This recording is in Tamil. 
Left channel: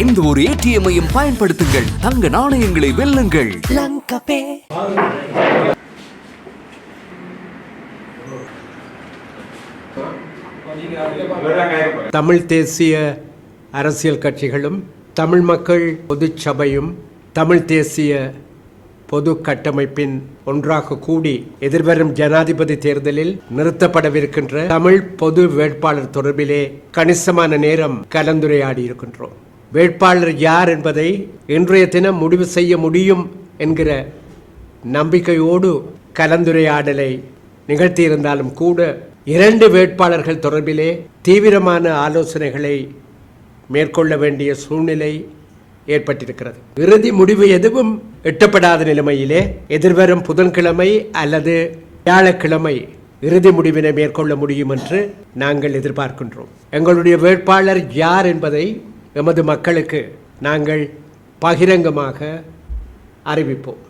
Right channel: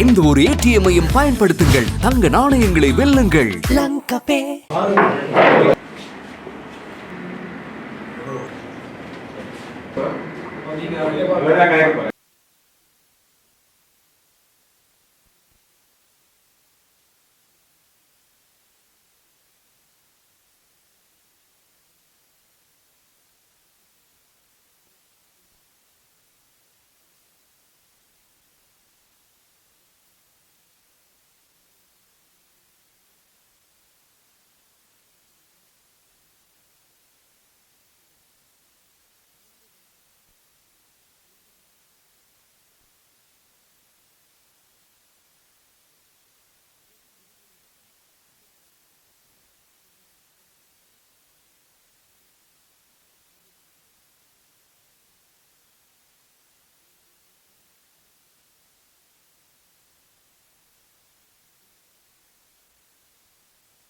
எந்த ஒரு ஏடிஎம்மையும் பயன்படுத்துங்கள். தங்க நாணயங்களை வெல்லுங்கள். தமிழ் தேசிய அரசியல் கட்சிகளும் தமிழ் மக்கள் பொதுச் சபையும் தமிழ் தேசிய பொது கட்டமைப்பின் ஒன்றாக கூடி எதிர்வரும் ஜனாதிபதி தேர்தலில் நிறுத்தப்படவிருக்கின்ற தமிழ் பொது வேட்பாளர் தொடர்பிலே கணிசமான நேரம் கலந்துரையாடி இருக்கின்றோம் வேட்பாளர் யார் என்பதை இன்றைய தினம் முடிவு செய்ய முடியும் என்கிற நம்பிக்கையோடு கலந்துரையாடலை நிகழ்த்தியிருந்தாலும் கூட இரண்டு வேட்பாளர்கள் தொடர்பிலே தீவிரமான ஆலோசனைகளை மேற்கொள்ள வேண்டிய சூழ்நிலை ஏற்பட்டிருக்கிறது. இறுதி முடிவு எதுவும் எட்டப்படாத நிலைமையிலே எதிர்வரும் புதன்கிழமை அல்லது வியாழக்கிழமை இறுதி முடிவினை மேற்கொள்ள முடியும் என்று நாங்கள் எதிர்பார்க்கின்றோம். எங்களுடைய வேட்பாளர் யார் என்பதை எமது மக்களுக்கு நாங்கள் பகிரங்கமாக அறிவிப்போம்.